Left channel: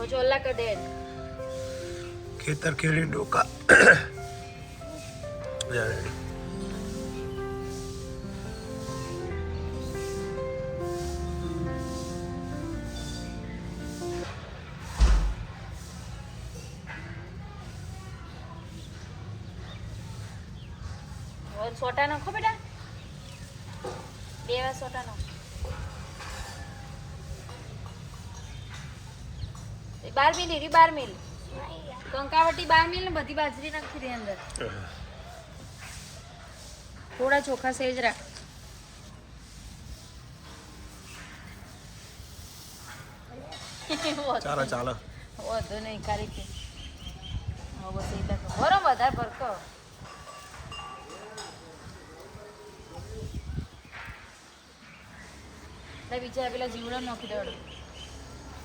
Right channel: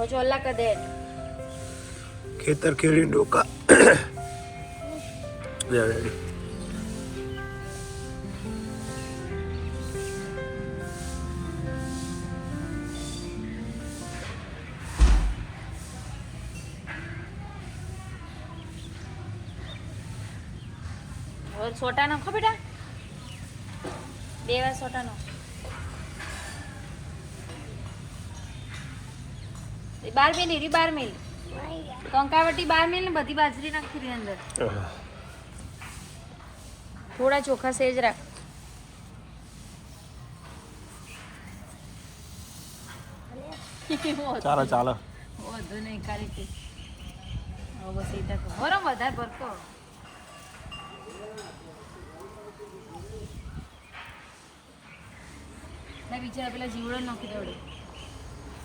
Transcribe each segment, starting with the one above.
હવે ચોલ્લા કર દે ખેતર ખેડી ડોકા રેડી છોટા નો ખબર બેટા 2 વાર છોટા નો 12 મિલી 12 મિલી કંકાવટી 12 મિલી ને બધી બાજરી નાખી દે અંદર થોડા ચોખા સેજ રાખ ચાલો ચાલો વધુ નહીં કરી કે બસ એ તો બરો વધારે ભરકો બીજા પેલા જીવડા નાખી દેવડું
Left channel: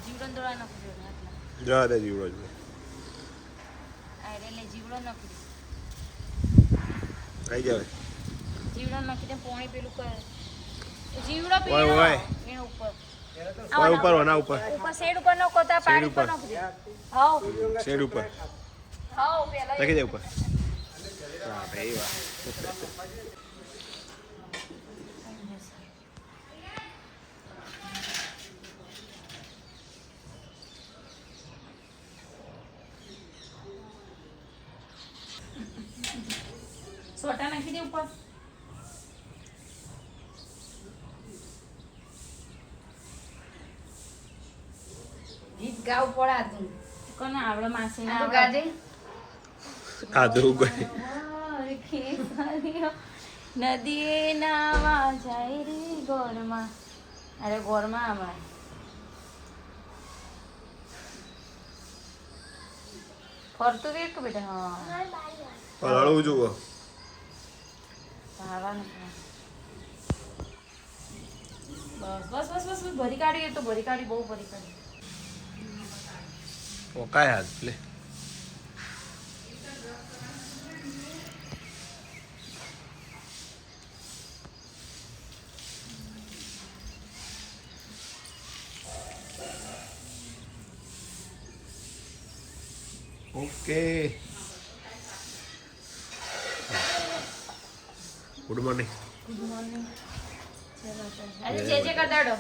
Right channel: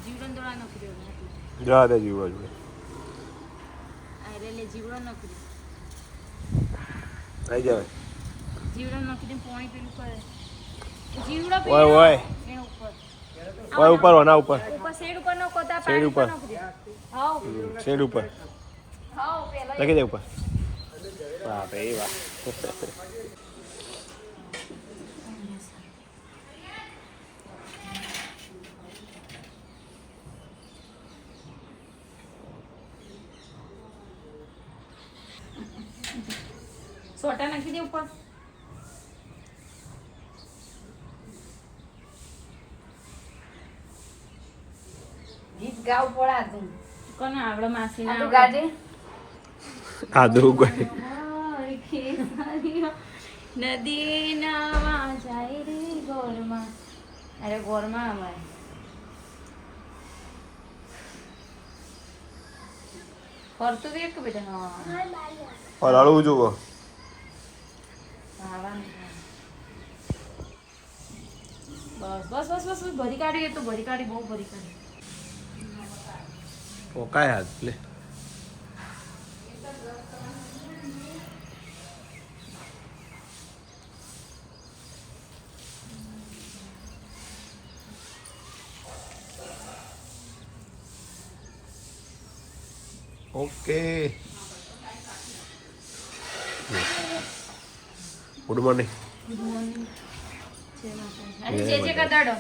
જીવડો દોડા નાખી દેવું એટલે જા દે જીવડો જોડે એટલે જીવડો નાખી દે આઈ જાવ જીવડો નાખી દે પાણી પેલું કરે જીવડો ઓય ઓય એના ઉપર ઓય ઉપર વના ઉપર શેડ ઉપર નો કોતા શેડ પાણી ઉપર નાખી દે હાઉ શેડ ઉપર હાઉ પેલા લખી દે ઉપર વાહ ભાઈ વાહ છોટા નાખી દે ઉપર ગીત ગાવ પડાતું કોને આવડે માસી ના ગાજી આદુ ગઈ નદી નામાં જાય રે ગોરમાં અરે ગોરમાં હમણાં ફરતું વેક બેટા હા પલાળું જુઓ બસ બસ બસ ભરી કાઢી તો ભરી કાઢી બહુ ભરી કાઢી ઓકાય હાથ લે okay good morning good morning અરે જે જે કર દાડો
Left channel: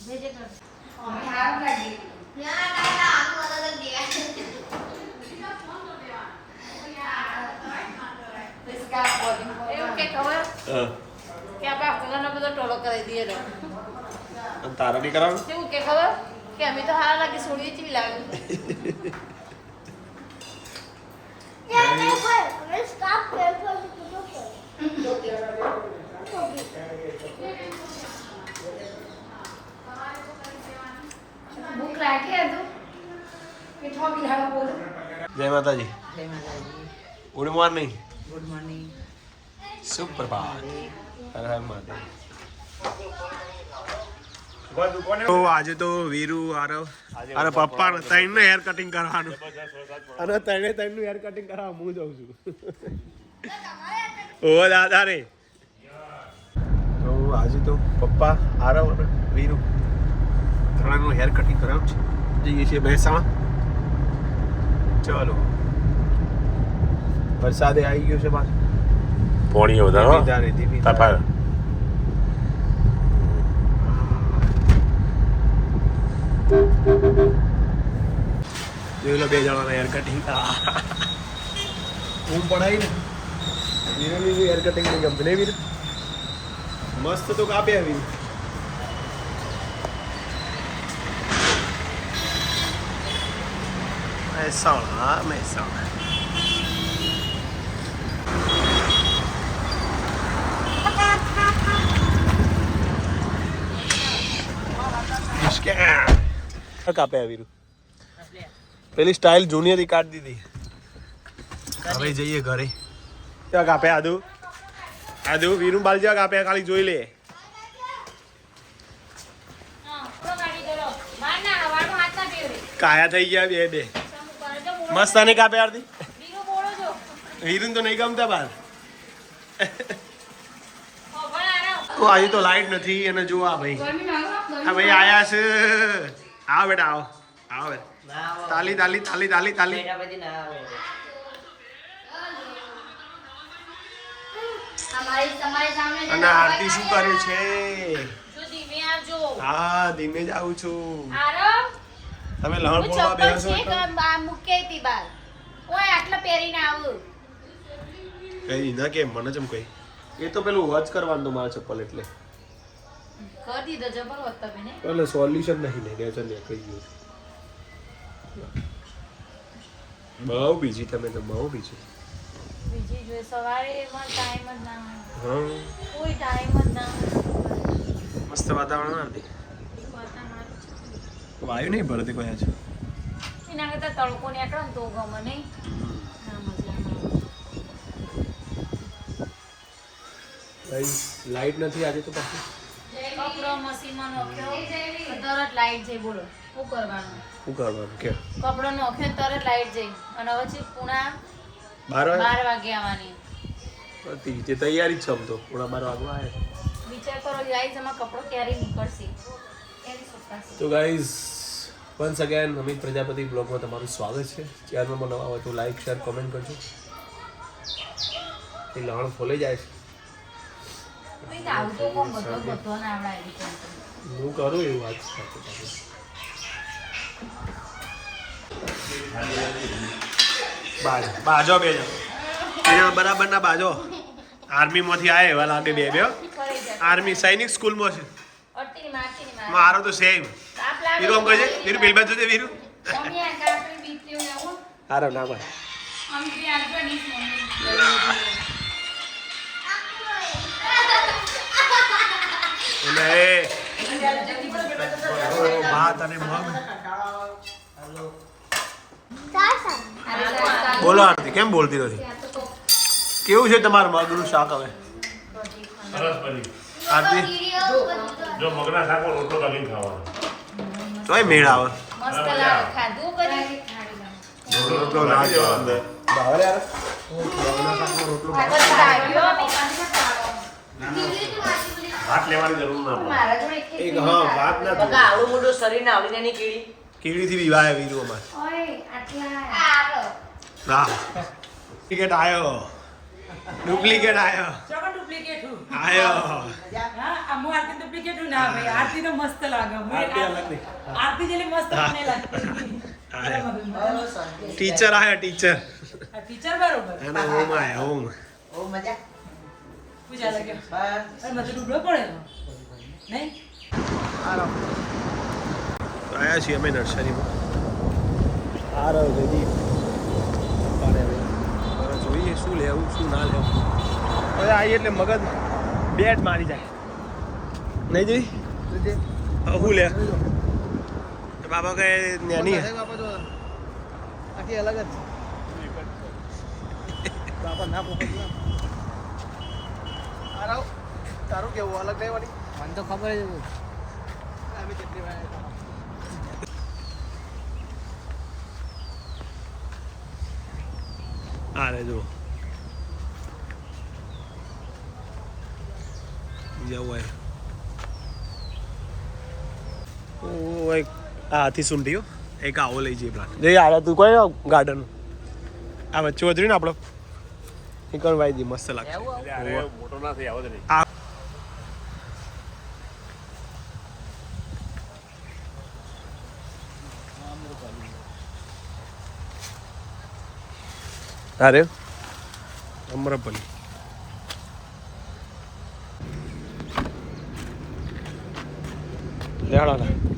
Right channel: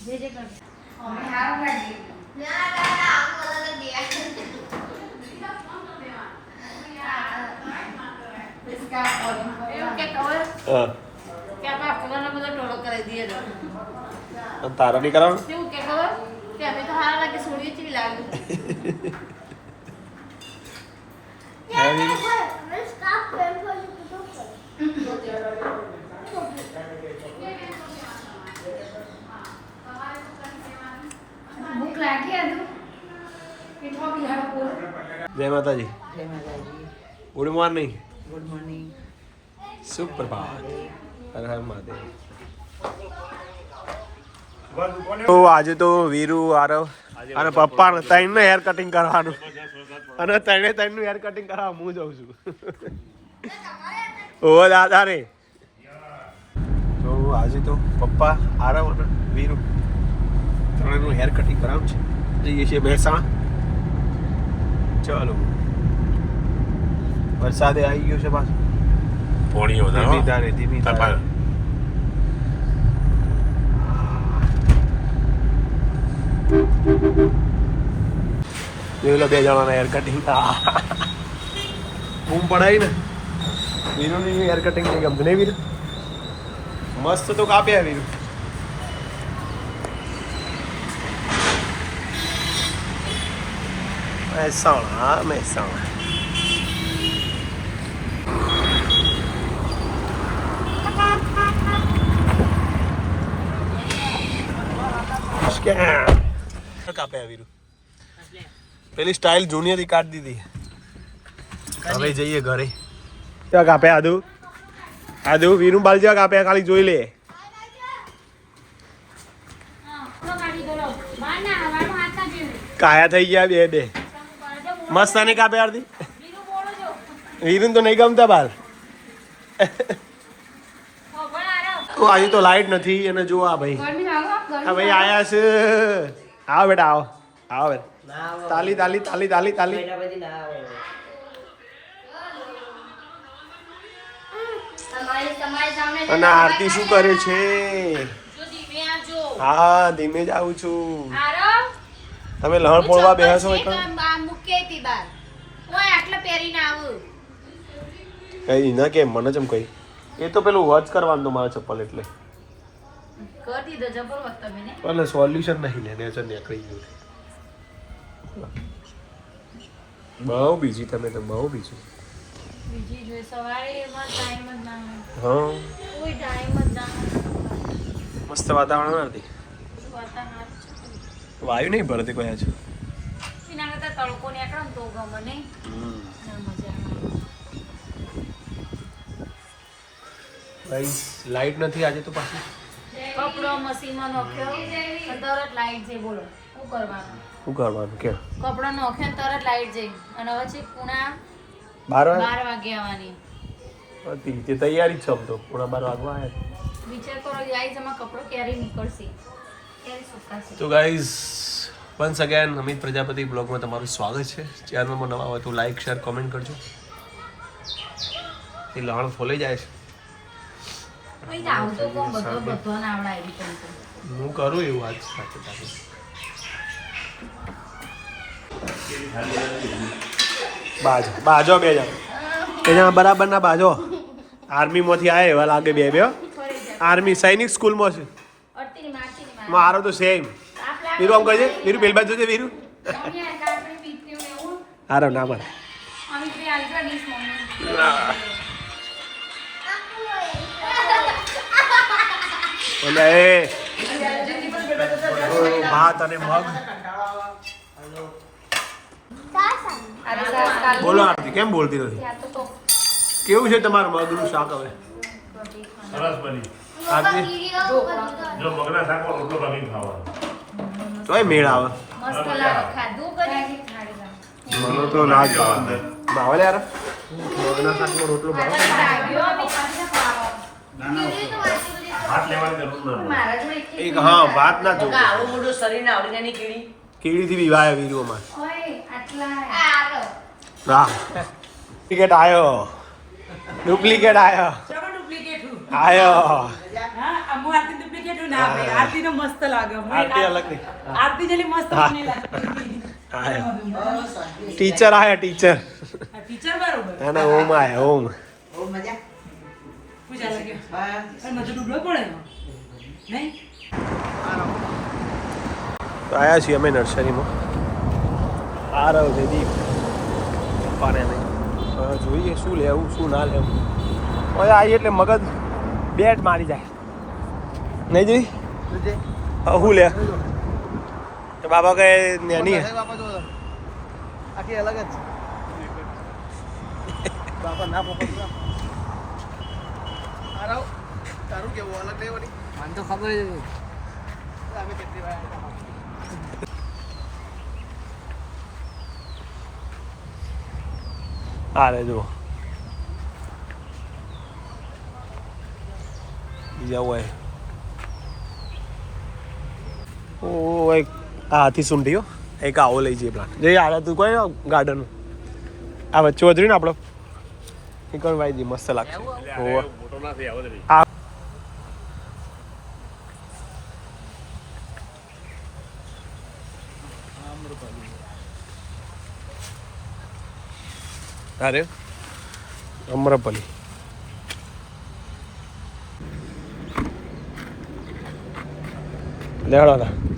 જે જે કર અમે હાર લાગી ના ના ના આમ બોલા તો દિયા इसका बोलिंग के कवर હા કે આપ કલરનો બધો ટોલો કરી દઈએ ને તારા ની કરાવ કેવું કે ખબર કે અમે તો હાર લાગી સુડી ચી લાગી ભૂખ લાગી હતું કેટલા બિહાર બોલો જય માતાજી good morning good morning સુપ્રભાત Har Har Mahadev તો આજે તો વીરુ આરવ અને પપ્પા ત્રણ નું હેર કટિંગ કરવાનું અને ત્રણે ત્રણ નું હેર કટિંગ કરવા હું જઉં છું ઓ દાદા રે તો આજે તો પપ્પા આરવ અને વીરુ ત્રણ નું હેર કટિંગ કરાવવું છે જઈએ છીએ મહેસાણા ચાલો વરસાદે આવી ગયો છે પાછું પોણી વધારો ધીમી તફાર પેલા બે જણાના હેર કટિંગ બૂમ પડાય ને વીરુની હેર કટિંગ નહીં ગમતું ને વીરુ મસ્ત તો કાપ્યા વીરુ મહેસાણા કાપ્યા વીરુ પેલી સ્ટાઇલ જૂની હતી કાઢી દીધી હવે જઈએ ઘરે ત્યાં કાપ્યા આદુ વીરુ બાલ જેવા કાપ્યા ખાલી જોઈ લે કાયા થઈ ગયા બે બે મસ્ત આને કાપ્યા આરતી વીરુ તો નહીં ગમતા બાર તો આજે તો લાઈટ નથી અને જો આ ભાઈ આયા છે આવો બેટા આવો આવો બેટા તાલી તાલી તાલી તાલી તાલી અને આરતી શું કરે છે હા ધીમે જ આવું છું તમે લહણ પોળવા બેસો તો કઈ ના કે મને જેમ કઈ એ તો પેલું વોચ કરવાનું તો મારા ચપ્પલ એટલે કરી દીધો જબર હોત તમે ને એટલે સોલ્યુશન નહીં ને નેચર નીકળી ગયું બહુ બીજી તમે તો બહુ બીજી બીજી જોઈ સવારે એમાં ટાઈમ જ ના હોય હા કોઈ ટાઈમ જ ના હોય મસ્ત વાતાવરણ હતી વાયુ નહીં ભરતી કોઈ આજે એના કરતા તડકો નીકળે ને તો ગમે નહીં ના મજા ગાઈસ લાઈટ નથી આજે તો પાછી કપડો મશીનમાં નોખ્યો તરત લાઈટ જઈ બોલો શું કરવાનું શું કરવાનું કે કપડો નોખ્યો તરત લાઈટ જઈ અને હવે છે પૂણા 12 વાગે આવવાની હતી તે તૈયારી જ છે આમ તો પૂણા 12 વાગવા આવ્યા વિચાર કરો ગાઈસ એમાં કપડો ક્યારે નીકળશે એમ સુકાશે તો guys once again Amit Prajapati બ્લોગમાં તમારું સ્વાગત છે ચેનલમાં નવા હોય તો લાઈક શેર કોમેન્ટ કરજો એ લહણ ફોલાઈ જાય છે અહીં આવું તો કોણ બધો ના આવડાય હું કરું એવું આજ સાથે તારે બાજો બાજો બે જણ અહીંયા બરાબર ના બાજો આર્મીમાંથી આવ્યા એવા લાગે બે બે આર્મી સૈનિક સ્કૂલમાં છે મારો તો સેમ વીરુ આમ કહે છે વીરુ પેલી બાજુ છે વીરુ આરો ના બસ અને ભાત અને મગ બોલો આરતી કેમ બોલતી નથી કેવું છે તમારું મગનું શાક હવે સરસ બની આરતી જો મગના શાકમાં રોટલો કમી ખાવાનો તોય મેળ આવે મસ્ત લાગે ખાધું કરી ખાડી મને તો ના જ ભાવે ભાવે યાર મગના શાકનો રોટલો ભાવે ભાત લેવાની જરૂર નથી એક હા ભાત ના જોવે આવડું મોટું શરીરને આવડી નાની કીડી કીડીથી વિવાહ વીરુ અમાર આટલા હા ડુપ્લિકેટ આયો ડુપ્લિકેટ આયો ચલો ડુપ્લિકેટ હું આયો હા અમુ આરતી ડુપ્લિકેટ હું ના ભાઈ આરતી તો મસ્ત લાગે આરતી અલગ નહીં આરતી જેલી મસ્ત મને લાગે ટીચર આયો ટીચર ટીચર બરોબર અને ઓમ આયો ઓમ બહુ મજા પૂજા લાગે હા અરે મત ડૂબલો પડે નહીં આયા છીએ અમે નર્સરીમાં આ રહ્યો જયદીપ પપ્પાને હવે જોઈએ શું લેવું શું ના લેવું હવે આવી એટલે મગજ બેટ મારી જાય નહીં જોઈ હા શું લે તો બાબા કહે નાની આખી અલગ જ બાપા ના તારું કેવું અલગ નહીં વાળી મને તો ખબર જ અમે કેટલી વાર હા રે જુઓ બીજા હોય ઓ એક આ હાથી સૂંઢીઓ એક આવો લઈ જઈએ પ્લાન્ટ જઈ આવો તું કોઈ ગાર્ડન આ વચ્ચે વધરી ને આપણો નીકળ વાઈ દી મસ્ત લાગશે મોટો ના થઈ આવો જ નહીં આ અરે અમરપલી લેવડો ના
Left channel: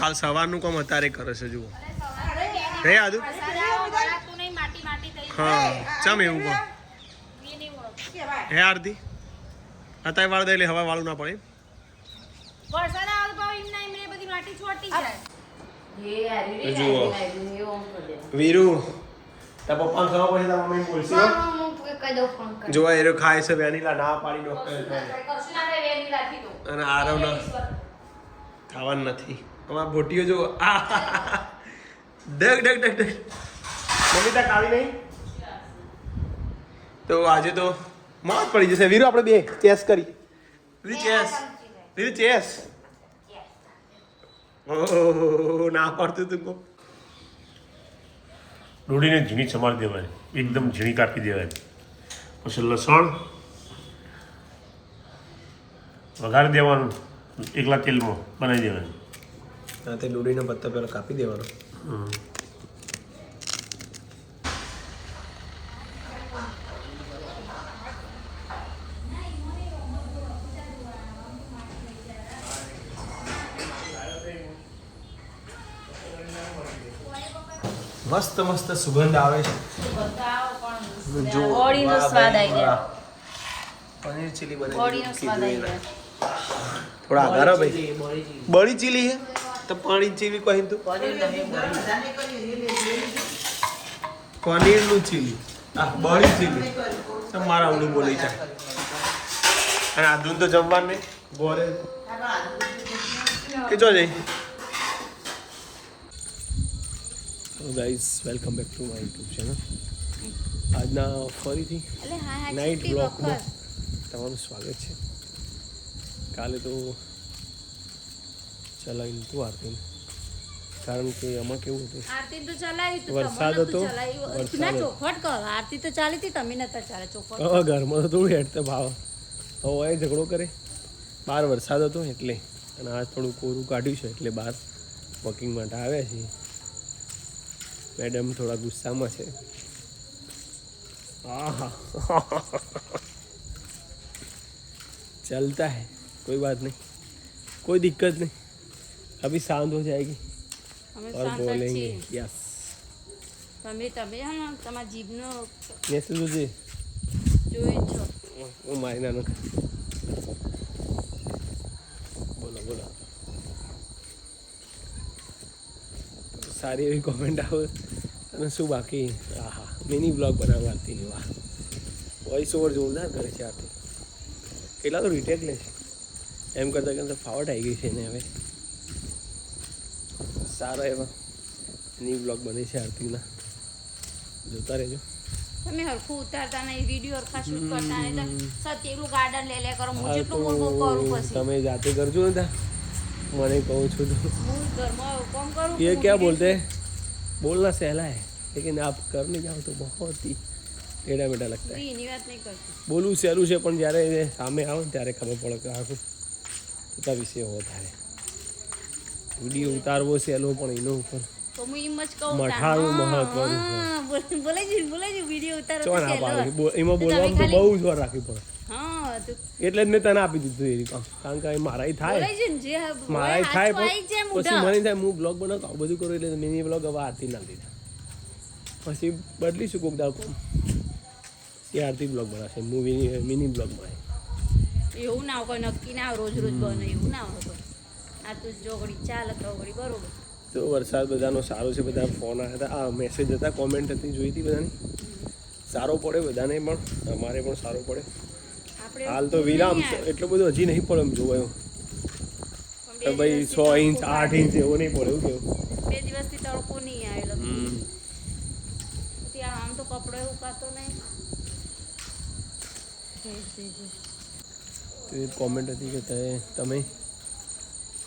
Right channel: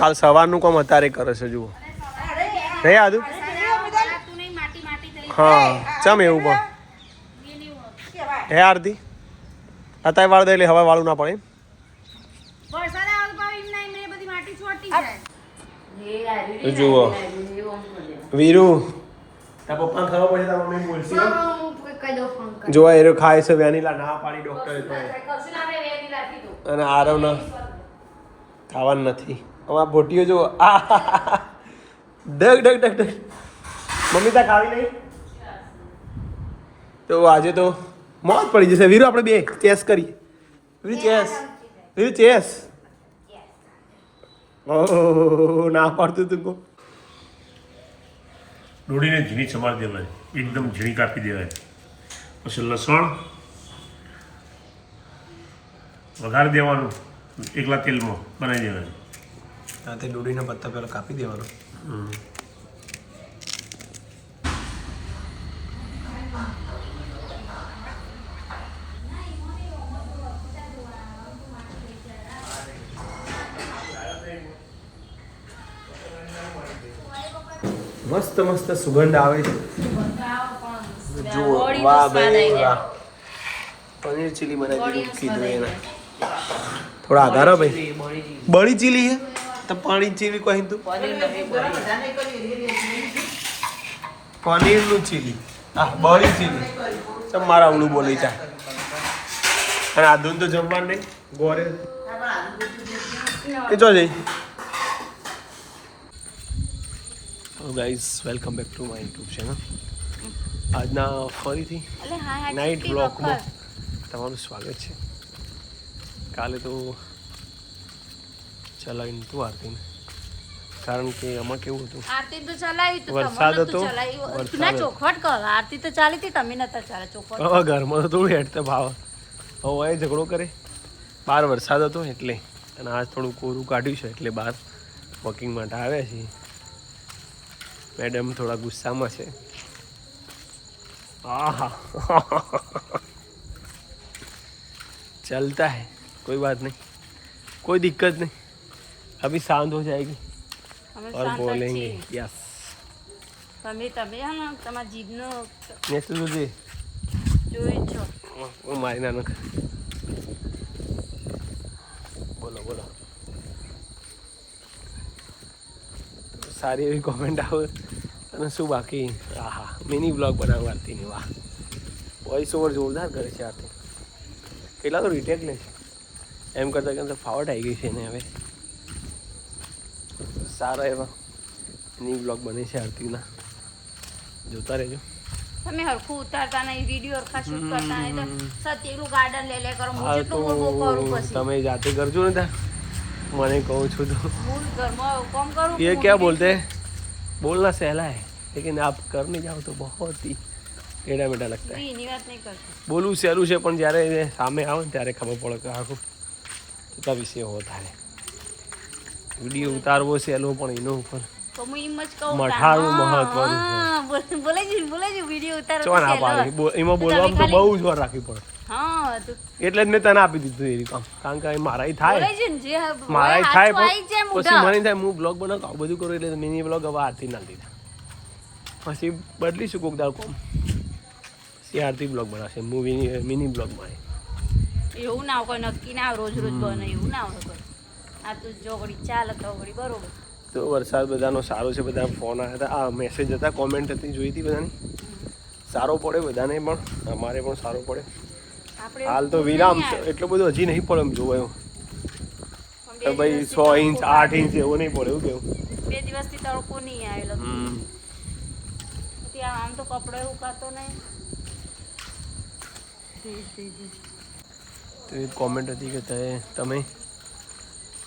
કાલ સવારનું કામ અત્યારે કરે છે જુઓ હે આદુ હા ચમ એવું પણ હે આરતી અત્યારે વાળ દે એટલે હવે વાળું ના પડે જુઓ વીરુ તારા પપ્પાને ખબર પડે તારા મમ્મી બોલશે જો એ ખાય છે વેનીલા ના પાડી ડોક્ટરે અને આરવ ના ખાવાનું નથી અમારા ભોટીઓ જો ડગ ડગ ડગ ડગ મમ્મી ત્યાં ખાવી નહીં તો આજે તો મોજ પડી જશે વીરુ આપણે બે ચેસ કરી વીરુ ચેસ ઓહ ના પાડતું તું કો ડોડીને ઝીણી સમારી દેવાય એકદમ ઝીણી કાપી દેવાય પછી લસણ વઘારી દેવાનું એકલા તેલમાં બનાવી દેવાનું હા તે ડોડીના પત્તા પહેલાં કાપી દેવાનો મસ્ત મસ્ત સુગંધ આવે છે જુઓ વાહ ભાઈ વાહ પનીર ચીલી બનાવી થોડા આધાર ભાઈ બળી ચીલી તો પાણી ચીલી કહી તું પનીરનું ચીલી બળી ચીલી તમારા આવડું બોલી થાય અને આધુન તો જમવાનું નહીં ગોરે એ જો જઈ hello guys welcome back to my YouTube channel આજના ફરીથી નાઇટ બ્લોગમાં તમારું સ્વાગત છે કાલે તો ચલાવી નહોતું આરતીને કારણ કે આમાં કેવું હતું આરતી તો ચલાવી તો વરસાદ હતો ના ચોખવટ કરો આરતી તો ચાલી હતી તમે નતા ચાલે ચોખવટ હવે ઘરમાં તો થોડું હેડ તો ભાવ હવે એ ઝઘડો કરે બહાર વરસાદ હતો એટલે અને આજ થોડું કોરું કાઢ્યું છે એટલે બહાર વોકિંગ માટે આવ્યા છીએ મેડમ થોડા ગુસ્સામાં છે આહા चलता है कोई बात नहीं कोई दिक्कत नहीं अभी शांत हो जाएगी और बोलेंगे यस તમે હે તમારા જીભનો નેસલ જોજે જોઈ છો હું મારી નાનો બોલો બોલો સારી એવી કોમેન્ટ આવે અને શું બાકી આહા મિની બ્લોગ બનાવવા આરતીની વાહ વોઇસ ઓવર જોરદાર કરે છે આરતી કેટલા તો રિટેક લે છે એમ કરતાં કરતાં ફાવટ આવી ગઈ છે એને હવે સારા એવા મિની બ્લોગ બને છે આરતીના જોતા રહેજો તમે હરખું ઉતારતા નહીં વિડીયો હરખા શૂટ કરતા નહીં સત્યેલું ગાર્ડન લે કરો હું હા જેટલું તો કરું પછી તમે જાતે કરજો ને ત્યાં મને કહું છું તો હું ઘરમાં કામ કરું ये क्या बोलते हैं बोलना सहला है लेकिन आप करने जाओ तो बहुत ही टेढ़ा मेढ़ा लगता है એની વાત નહીં કરતી બોલવું સહેલું છે પણ જ્યારે સામે આવે ને ત્યારે ખબર પડે કે આખું કેટલા વિષય હોતા है વિડીયો ઉતારવો સહેલો પણ એનો ઉપર તો હું એમ જ કહું મઠાળું મહત્વનું છે બોલે છે વિડીયો ઉતારો ચો ના પાડે એમાં બોલવામાં તો બહુ જોર રાખવી પડે હા તો એટલે જ મેં તને આપી દીધું એ કામ કારણ કે મારાય થાય બોલે છે ને જે મારાય થાય આવી જાય પણ પછી મને થાય હું બ્લોગ બનાવતો આવું બધું કરું એટલે મિની બ્લોગ હવે આરતી ના દીધા પછી બદલીશું કોક દાવ કોમ પછી આરતી બ્લોગ બનાવશે મૂવી મિની બ્લોગમાં એવું ના હોય કોઈ નક્કી ના રોજ રોજ બને એવું ના હોય કોઈ આ તો જો ઘડી ચાલે તો ઘડી બરોબર તો વરસાદ બધાનો સારો છે બધા ફોન આવ્યા હતા આ મેસેજ હતા કોમેન્ટ હતી જોઈ હતી બધાની સારો પડે બધાને પણ અમારે પણ સારો પડે આપણે હાલ તો વિરામ છે એટલો બધો હજી નહીં પડે એમ જોવાયું કે ભાઈ 100 ઇંચ 8 ઇંચ એવું નહીં પડે એવું કેવું 2 દિવસથી તડકો નહીં આવેલો ત્યાં આમ તો કપડો એવું કાતો નહીં તો એ કોમેન્ટ હતી કે તમે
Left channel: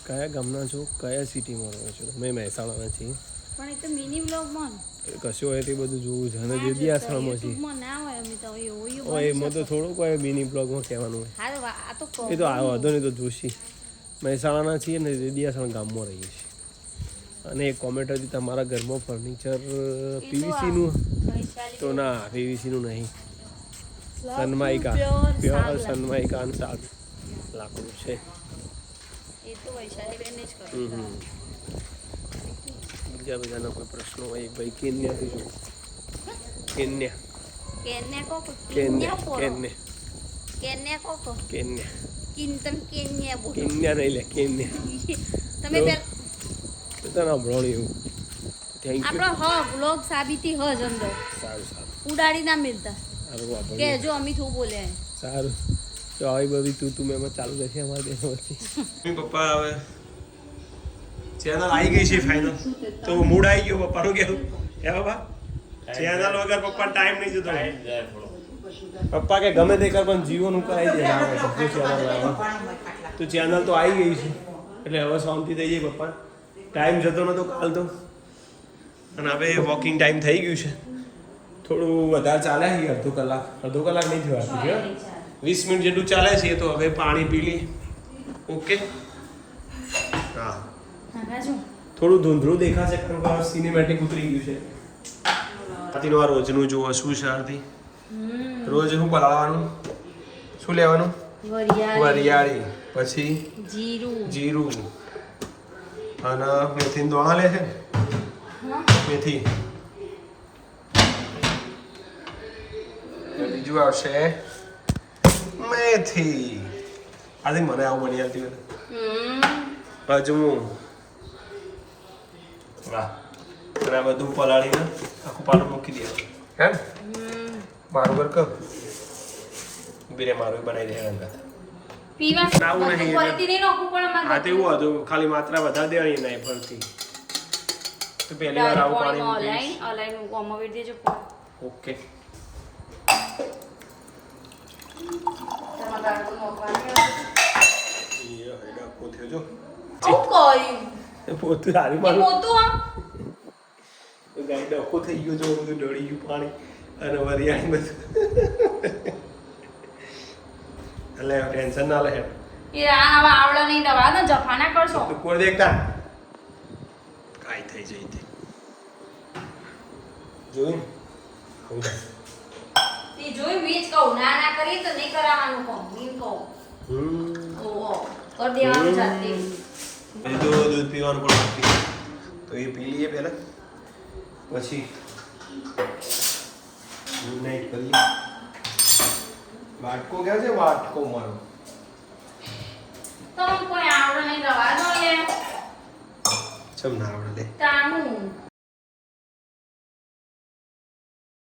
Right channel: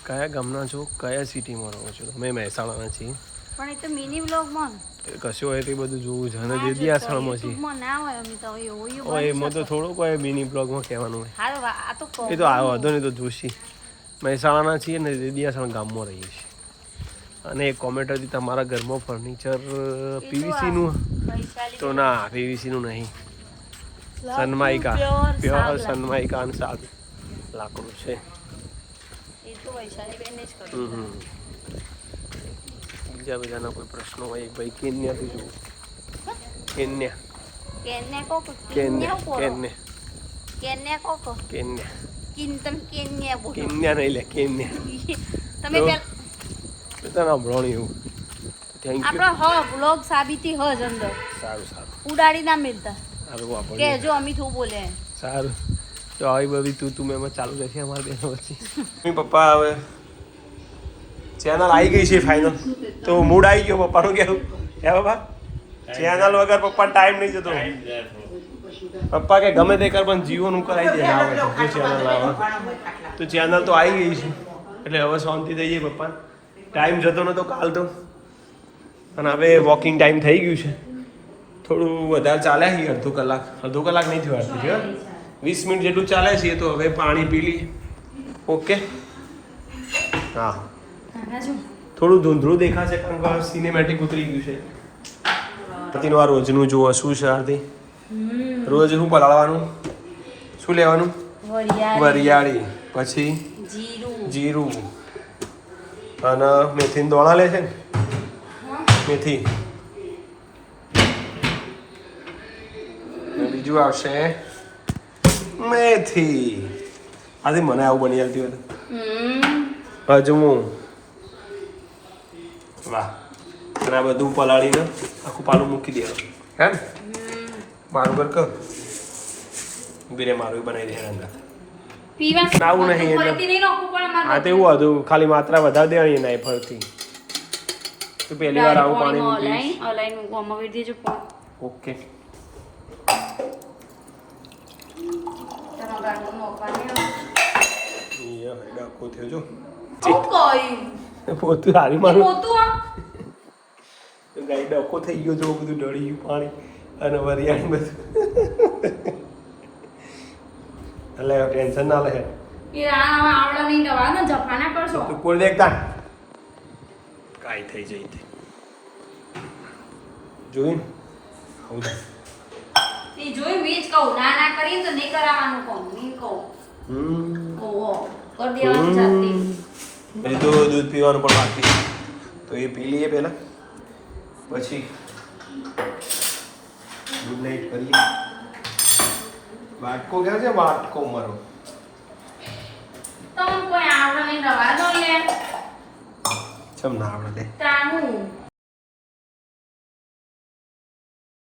કયા ગામના છો કયા સિટીમાં રહો છો તમે મહેસાણાના છીએ પણ એ તો મિની વ્લોગમાં કશું હોય તે બધું જોવું છે અને દેદીયાસણમાં છીએ ના હોય અમે તો એવું એમાં તો થોડુંક હોય મિની બ્લોગમાં કહેવાનું હોય હા આ તો એ તો આ વાંધો નહીં તો જોશી મહેસાણાના છીએ ને દેદીયાસણ ગામમાં રહીએ છીએ અને એક કોમેન્ટ હતી તમારા ઘરમાં ફર્નિચર પીવીસીનું તો ના પીવીસીનું નહીં સનમાઇકા પ્યોર સનમાઇકા અને સાદું લાકડું છે એ તો વૈશાલી બેન જ કરું બીજા બધાના કોઈ પ્રશ્નો હોય એક ભાઈ કેન્યાથી જુઓ કેન્યા કેન્યા કોકો કેન્યા કેન્યા કેન્યા કોકો કેન્યા તમે કેન્યા બોલો કેન્યા નહીં લે કેન્યા તમે તો- પેલા તને સાંભળવાનું એવું થેન્ક યુ આપણો વ્લોગ સાબિતી હ જ અંદર સારું સારું ઉડાડી ના મિલતા સારું કે વાપરીએ જો અમિત હું બોલે સારું તો આવી બધી તું એમાં ચાલુ રહેશે અમારે બેનો પછી પપ્પા હવે ચેનલ આવી ગઈ છે ફાઇનલ તો મૂડ આવી ગયો પપ્પાનું કેવું હે પપ્પા ચેનલ વગર પપ્પા ટાઈમ નહીં જતો પપ્પા કે ગમે તે કર પણ જીવોનું કરાવી દે આવે તો જે ચેનલ આવે તો ચેનલ તો આવી ગઈ છે એટલે હવે શાંતિ થઈ જાય પપ્પા ટાઈમ જતો નતો કાલ તો અને હવે વોકિંગ ટાઈમ થઈ ગયું છે થોડું વધારે ચાલ્યા છીએ અડધો કલાક નહીં થયો આરતી છે 20 મિનિટ જેટલું ચાલે છે તો હવે પાણી પી લઈએ ઓકે હા થોડું ધૂંધળું દેખાશે કારણ કે સિનેમેટિક ઉતરી ગયું છે આરતીનું આ રોજનું જુઓ શું છે આરતી રોજ શું પલાળવાનું શું લેવાનું વરિયાળી પછી જીરું અને મેથીના દોણા લે છે ને મેથી અને બીજું આવશે મેથી આજે મને આવું બની આવતી હોય હજમું વાહ અને આ બધું પલાળીને આખું પાલું મૂકી દેવાનું હે ને મારું ઘર કર ઉભી રે મારું બનાવી દે રંગત આવું નહીં હા તો એવું હતું ખાલી માત્રા વધારે દેવાની નહીં ફરતી તો પહેલી વાર આવું પાણી મૂકીશ ઓકે ડખો થયો જો પોતું હારી મારું ગાઈ ડખો થઈ ગયો જો બધું ડળી ગયું પાણી અને વરિયાળી બધું એટલે ટેન્શન ના લે તું કોઈ દેખતા કાંઈ થઈ જઈ તે જોઈ જોઈ બીજ કહું ના કરી તો નહીં કરાવવાનું કહું નહીં કહું ઓહો કર દેવાનું જાતે પછી તો દૂધ પીવાનું પણ બાકી છે તો એ પી લઈએ પહેલાં પછી ગુડ નાઇટ કરીએ વાટકો ક્યાં છે વાટકો મારો તમ કોઈ આવડે નહીં રવા દો યાર ચમ ના આવડે લે તાનું